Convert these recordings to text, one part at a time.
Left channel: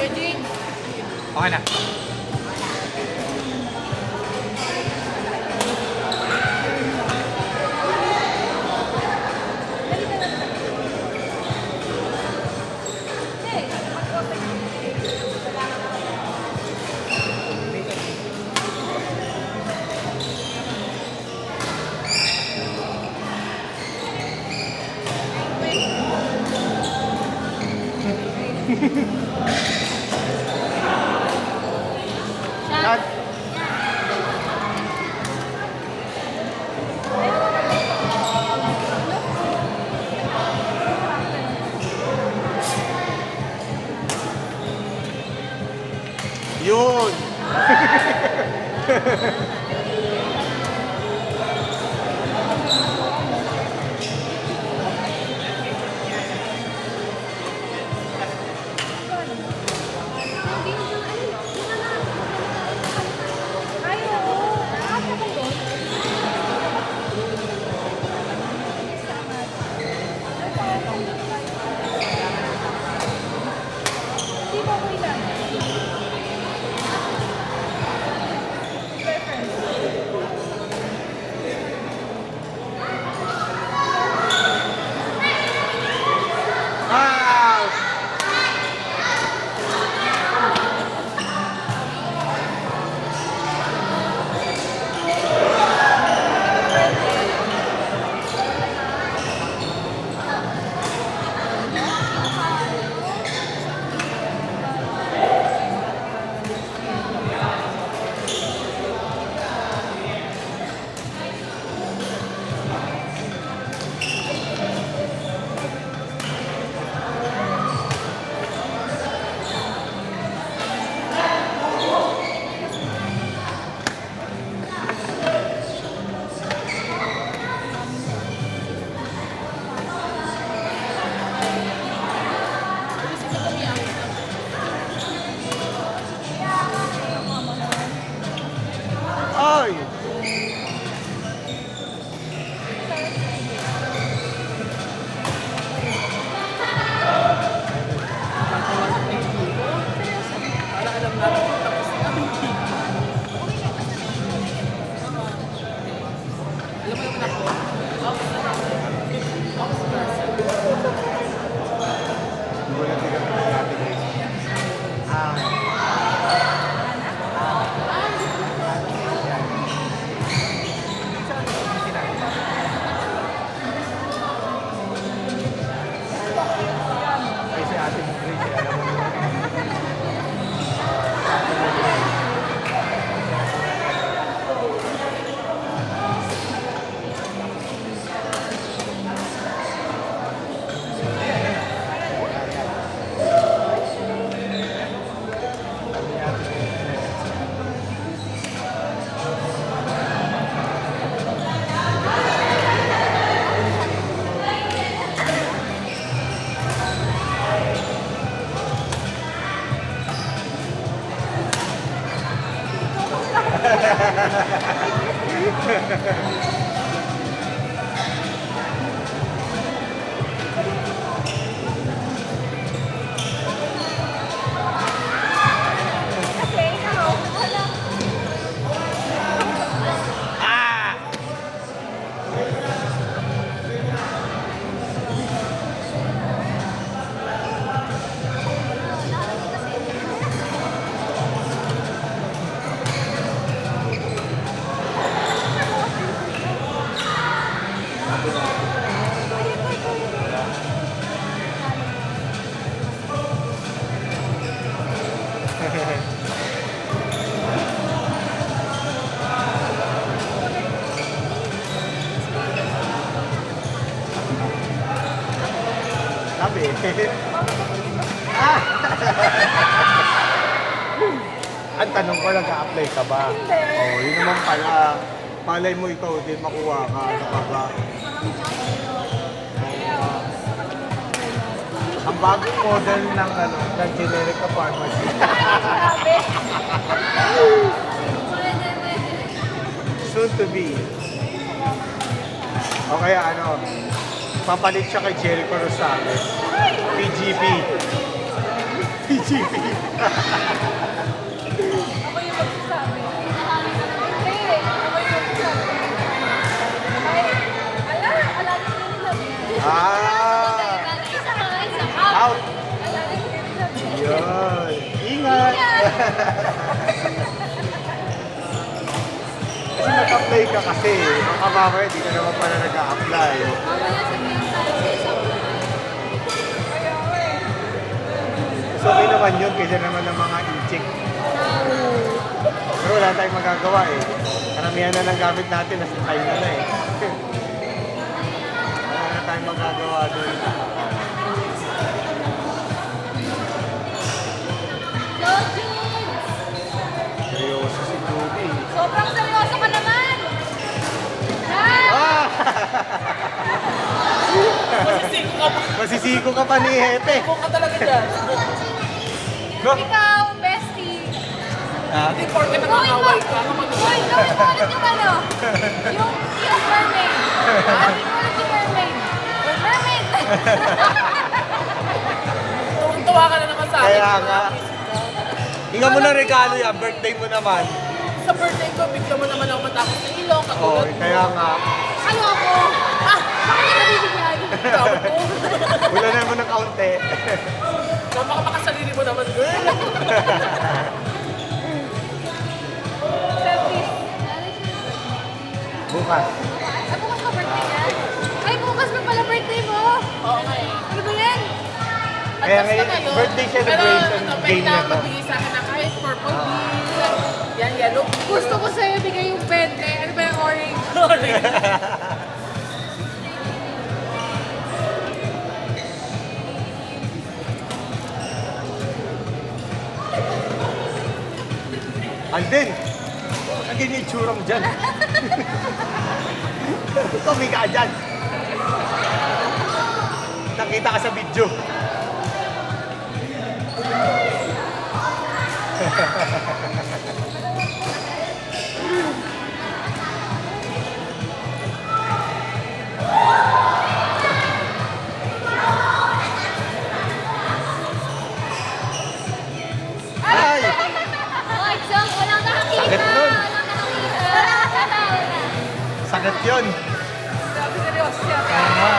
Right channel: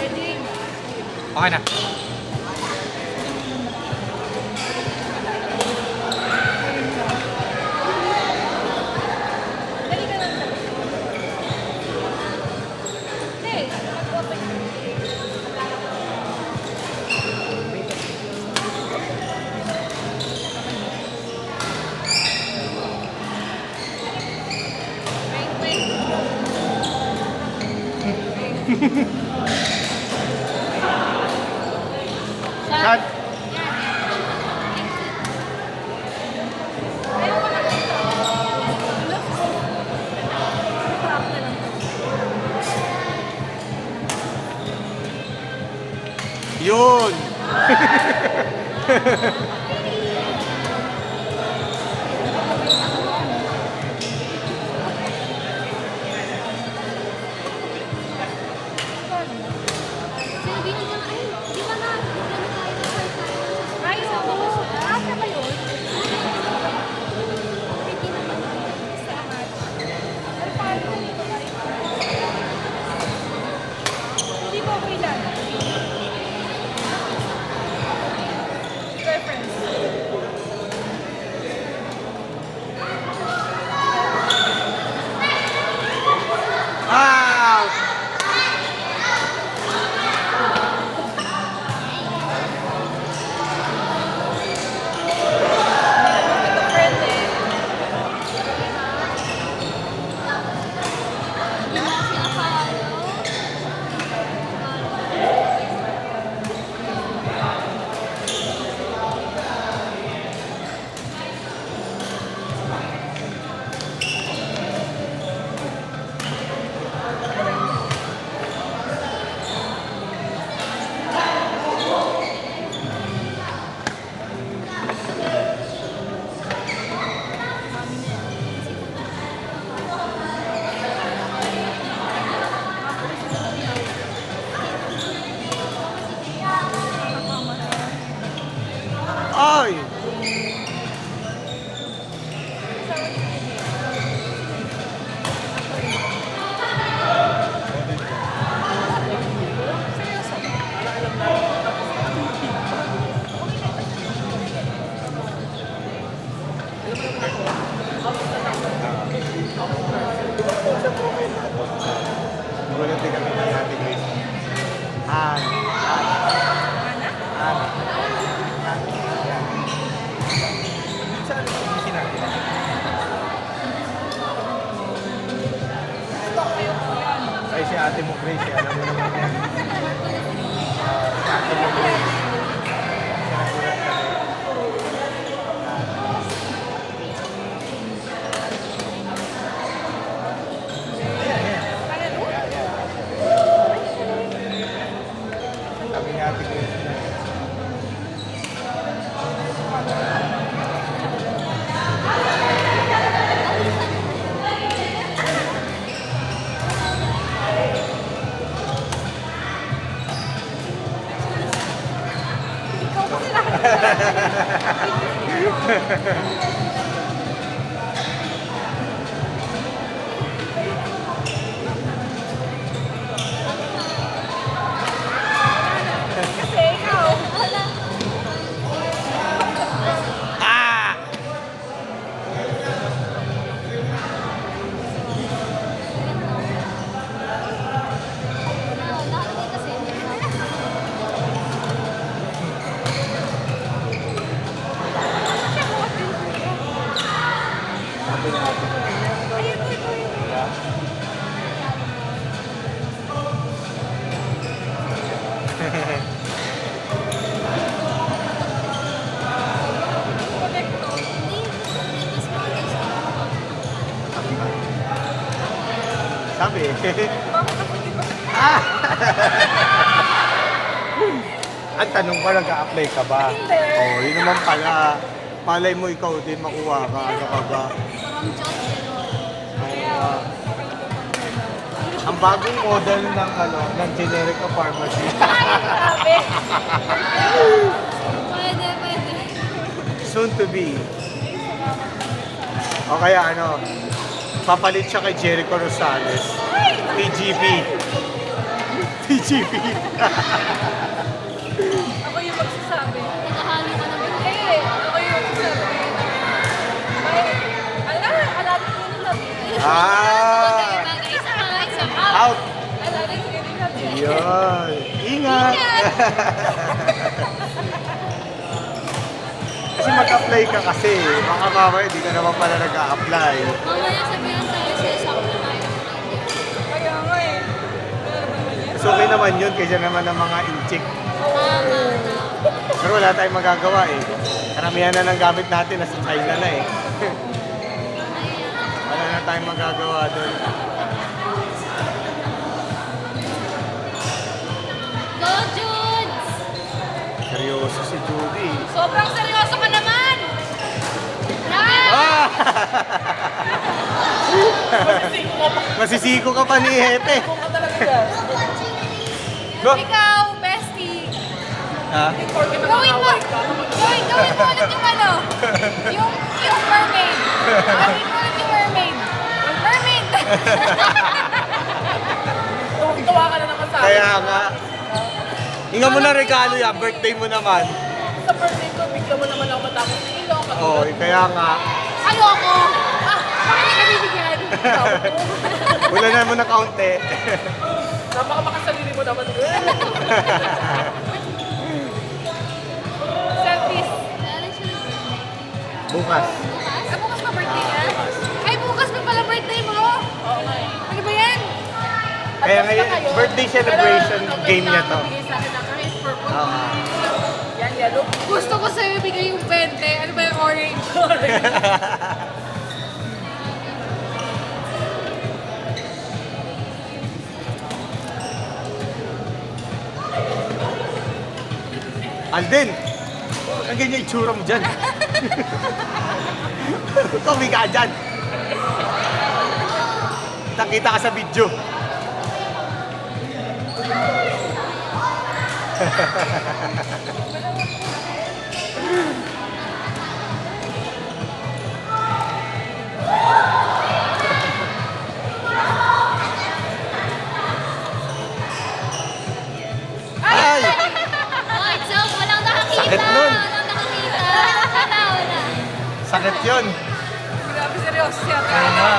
Okay na. Cut. Yun! Ah! Ay! Eh si ate mo, Grace, alam mo naman. Sabi ni ate Grace. Ah! Sabi. Ah! Ang tanong ko, nag-a-apply ka ba? Hindi. Oh, yun naman pala. Malay mo ikaw din makuha ka. Ano ka ba? Ang bagong model ng ng generic na pharmacy. Grabe. Soon to be. O kaya papalit siya kay Jericho Rosales. PGP. PGP. shipping. Ako yung magsasabi. Hindi, ako yung magsasabi. Ay, ala din nila. Out. Ala din nila. Yun. Ingat. Kasi mag-apply ka kasi. Baka mamaya, di ka naman pala nag-a-apply. Kaya nga eh. So, okay naman yun kaysa naman ng mga inchik. Pero wala tayong magagawa eh. Karamihan na ng gamit natin, nasa China na eh. Wala na tayong magagawa doon. Seryoso si Judy. Sobrang seryoso ka naman! Ah! Masisiko ka pa ni Hete. Go! Ikaw, bestie. Ah? Gawin mo ulit yung ano. Yung mermaid. Gawin mo ulit yung mermaid. Mermaid! Tuwang-tuwa ka na naman sa akin. Kaya nga. Hinga mo na regalo yan, birthday mo naman. Sa birthday ko, bigla mo naman ako matapos sa ilong. Oo, kaya nga. Ayoko! Bakit ka bibigyan? Wala na mo na kaunti. Napaka makasarili mo naman, girl. Selfies. Bukas. Ay, bukas pa birthday niya? Ay, bukas pa pala birthday mo? Okay. Ano ba yan? Kaya ngayon, birthday celebration game na to. Magbigay sa akin ng kahit purple. Yan, yellow. Gusto ko sa'yo bigay yung 20. Ano ba yung orange? Alden! Ang ganyan yung itsura mo dyan. Tuwi ka dyan. Nakita ka sa video. Ay! Sakit nun. Sakit yun. Grabe seryoso siya. Kaya nga.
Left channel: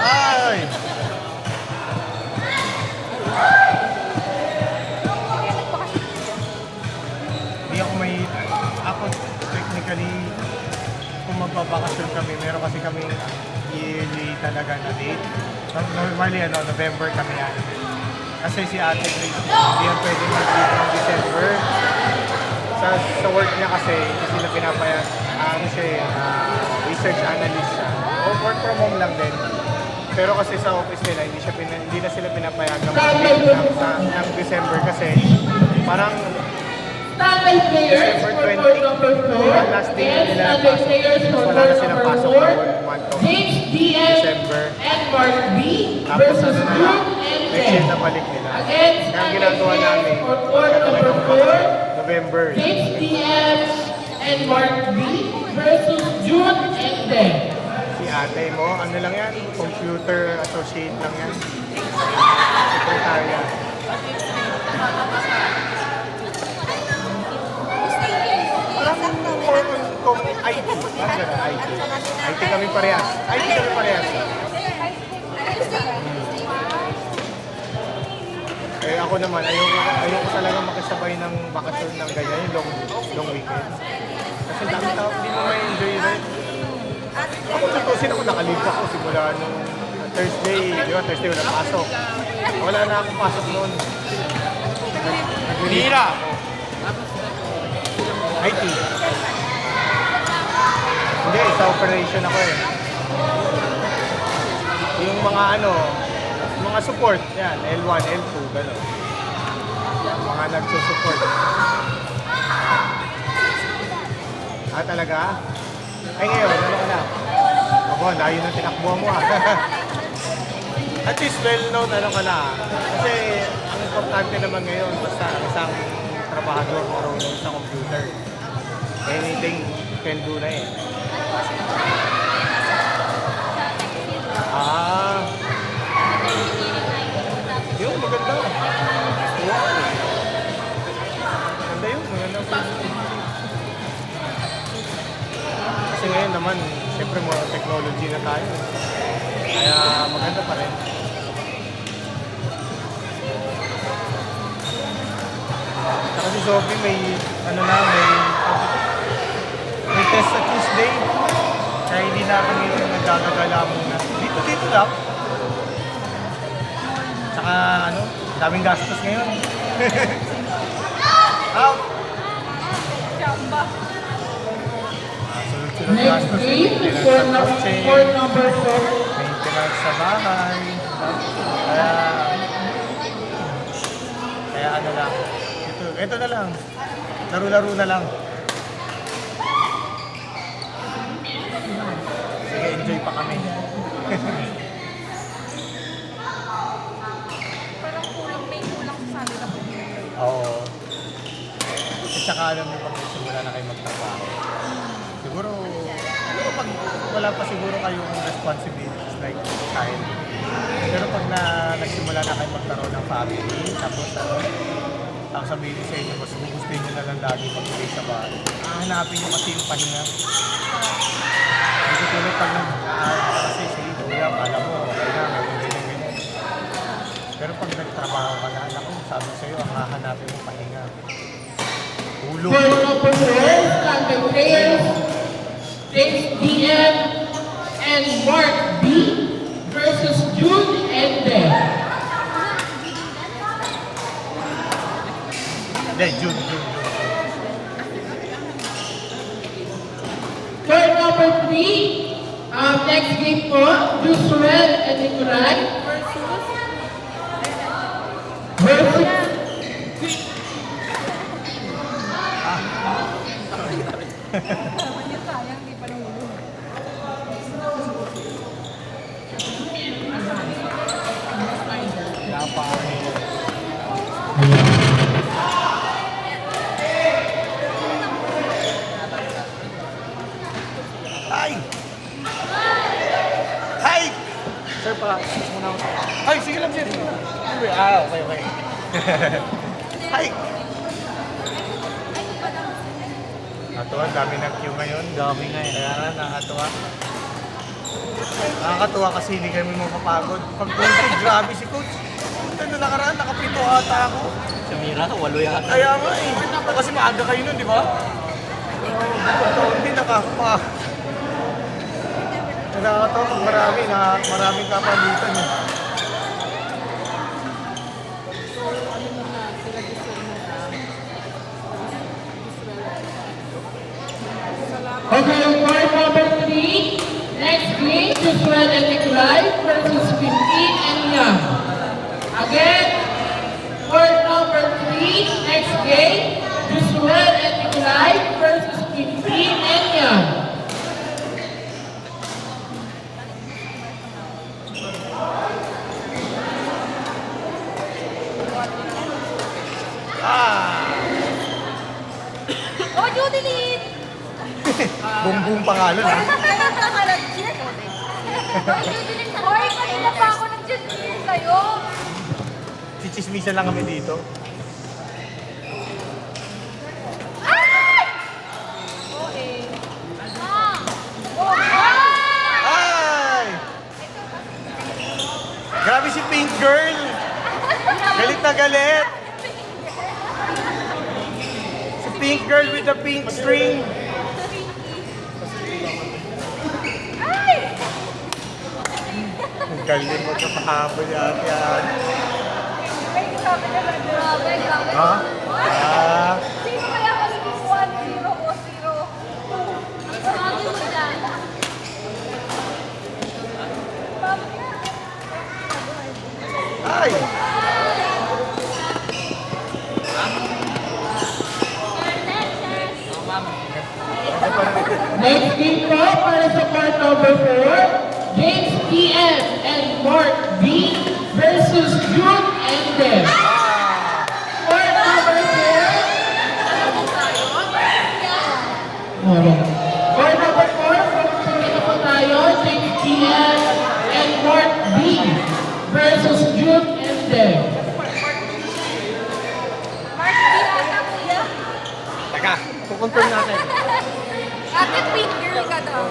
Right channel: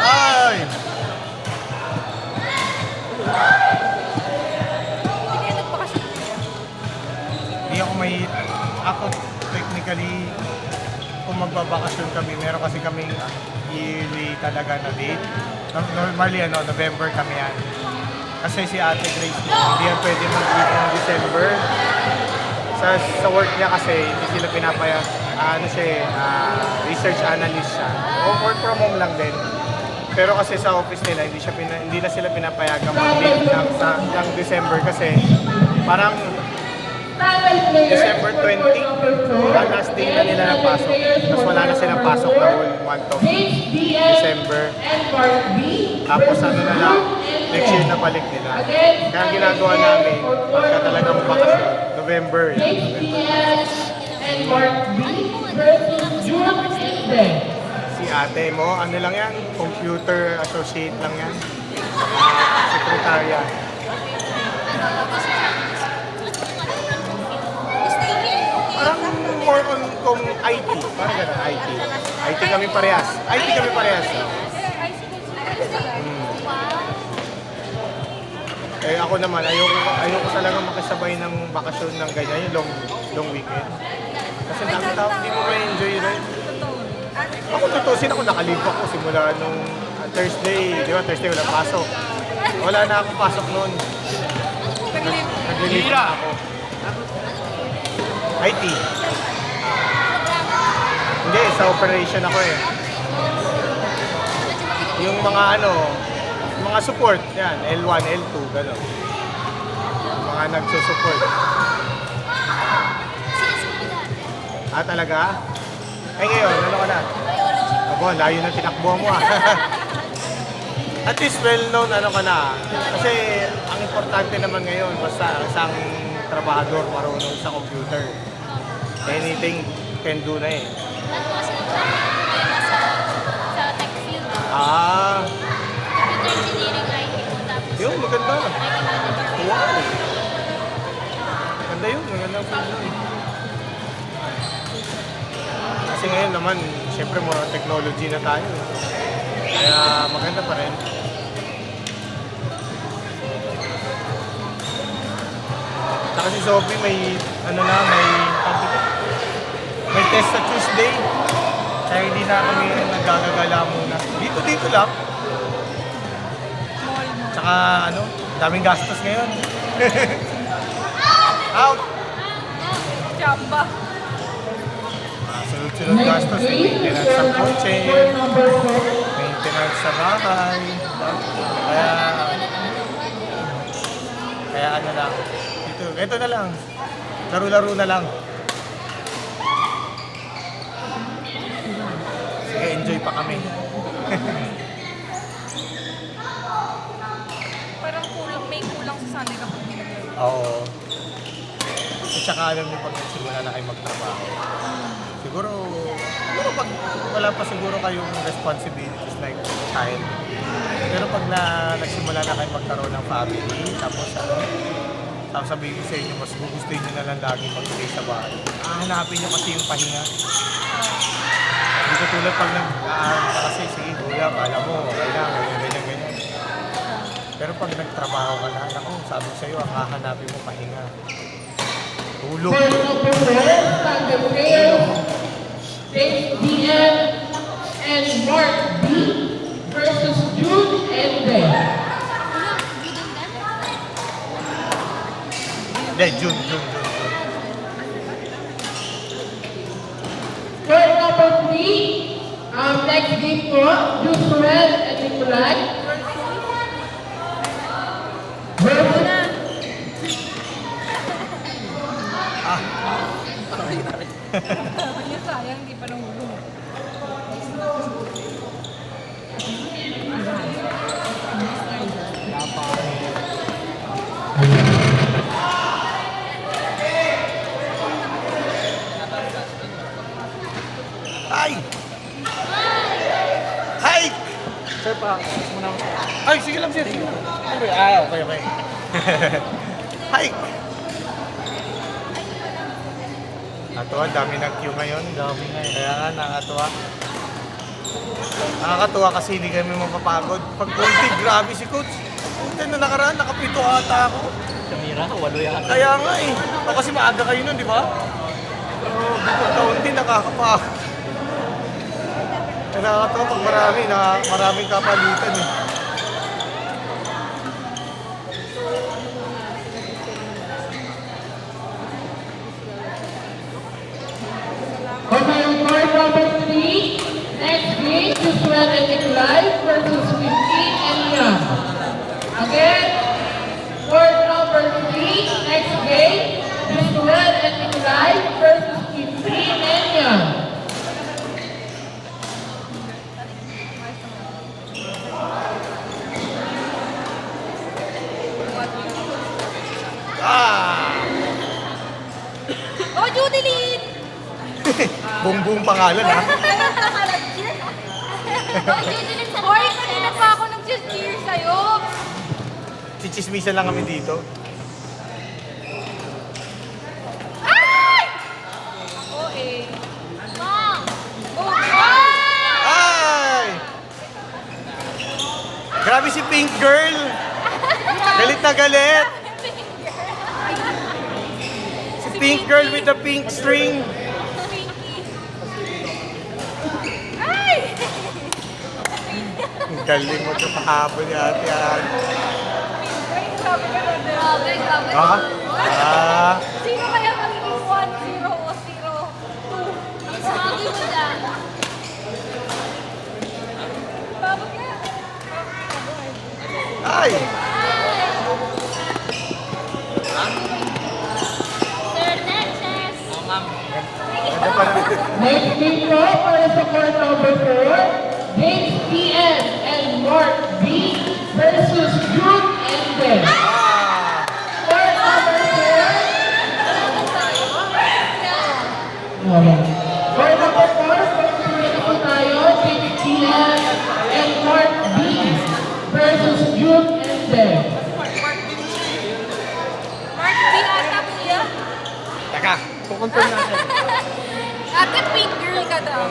Ay! Hindi ako may... Ako, technically, kung magbabakasyon kami, meron kasi kami yearly talaga na date. Normally, November kami yan. Kasi si Ate Grace, hindi yan pwede mag-date ng December. Sa work niya kasi, hindi sila pinapayag. Research analyst siya. O work from home lang din. Pero kasi sa office nila, hindi na sila pinapayagan mag-date ng December kasi parang December 20, last day na nila ng pasok. Tapos wala na silang pasok na whole month of December. Tapos ano nila, next year na balik nila. Kaya ang ginagawa namin, pagka talagang bakasyon, November. Si ate mo, ano lang yan? Computer associate lang yan. Sekretarya. Parang more on kung IT. Parang gano'n, IT. IT kami parehas. IT kami parehas. Eh ako naman, ayoko talaga makasabay ng bakasyon ng ganyan, yung long weekend. Kasi hindi mo ma-enjoy rin. Ako tutusin ako, nakalib ako simula nung Thursday, di ba? Thursday wala pasok. Wala na akong pasok noon. Naglilira ako. IT. Hindi, sa operation ako eh. Yung mga support, yan, L1, L2, gano'n. Mga nagsusupport. Ah, talaga? Ay ngayon, ano ka na? Abo, layo ng tinakbo mo ah. At least well-known ano ka na. Kasi ang importante naman ngayon, basta isang trabahador marunong sa computer. Anything can do na eh. technology na tayo. Kaya maganda pa rin. Saka si Sophie may, may test sa Tuesday. Kaya hindi na kami nagkakagala muna. Dito lang. Saka daming gastos ngayon. Out! Chamba. Sunod-sunod gastos. Maintenance sa kotse, maintenance sa bahay. Kaya ano lang. Ito na lang. Laro-laro na lang. Sige, enjoy pa kami. Parang may kulang sa Sunday na po. Oo. At saka alam mo pag nagsimula na kayo magtrabaho. Siguro pag wala pa siguro kayong responsibilities like child. Pero pag nagsimula na kayo magkaroon ng family, tapos sabihin sa inyo, mas gugustuhin nyo na lang dami magbigay sa bahay. Ang hanapin nyo kasi yung pahinga. Hindi ko tulad pag kasi sige, kuya, alam mo, okay na, ganyan. Pero pag nagtrabaho ka na, ako, sabi sa'yo, ang hahanapin mo pahinga. Tulog. James DM and Mark B versus Jude and Deb. Yeah, June. Third number 3, next game po, Josuel and Nicolai versus Sabi niya sayang, di pa nahulog. Ay! Ay! Sir, muna ako. Ay, sige lang, sir. Okay. Ay! Nakakatuwa, dami ng queue ngayon. Dami ngayon. Kaya nga, nakakatuwa. Nakakatuwa kasi hindi kami mapapagod. Pag konti, grabe si coach. Punta na nakaraan, nakapito ata ako. Sinira ko, 8 yata. Kaya nga eh. Kasi maaga kayo nun, di ba? Pero dito konti, nakakapagod. Nakakatawa pag maraming kapalitan eh. Okay, card number 3, next game, Josuel and Nicolai versus 15 and Young. Again, card number 3, next game, Josuel and Nicolai versus 15 and Young. Oh, Judeline! Buong pangalan ha. Oy, kanina pa ako nag-cheer sa'yo. Chichismisan lang kami dito. Ay! Okay. Oh, Ay! Grabe si Pink Girl! Galit na galit! Si Pink Girl with the pink string. Ay! Ang galing mo sa pahapon natin yan. Ay, sabi ka na din. Ha? Sino kaya kasi 1-0 o 0-2? Sabi mo na. Bakit nga? Ay! Next game po, para sa card number 4, James PM and Mark B versus Jude and Deb. Card number 4. Card number 4, pagkasunod po tayo, James PM and Mark B versus Jude and Deb. Mark, di na ata kuya. Teka, kukonfirm natin. Ate, pink girl ka daw.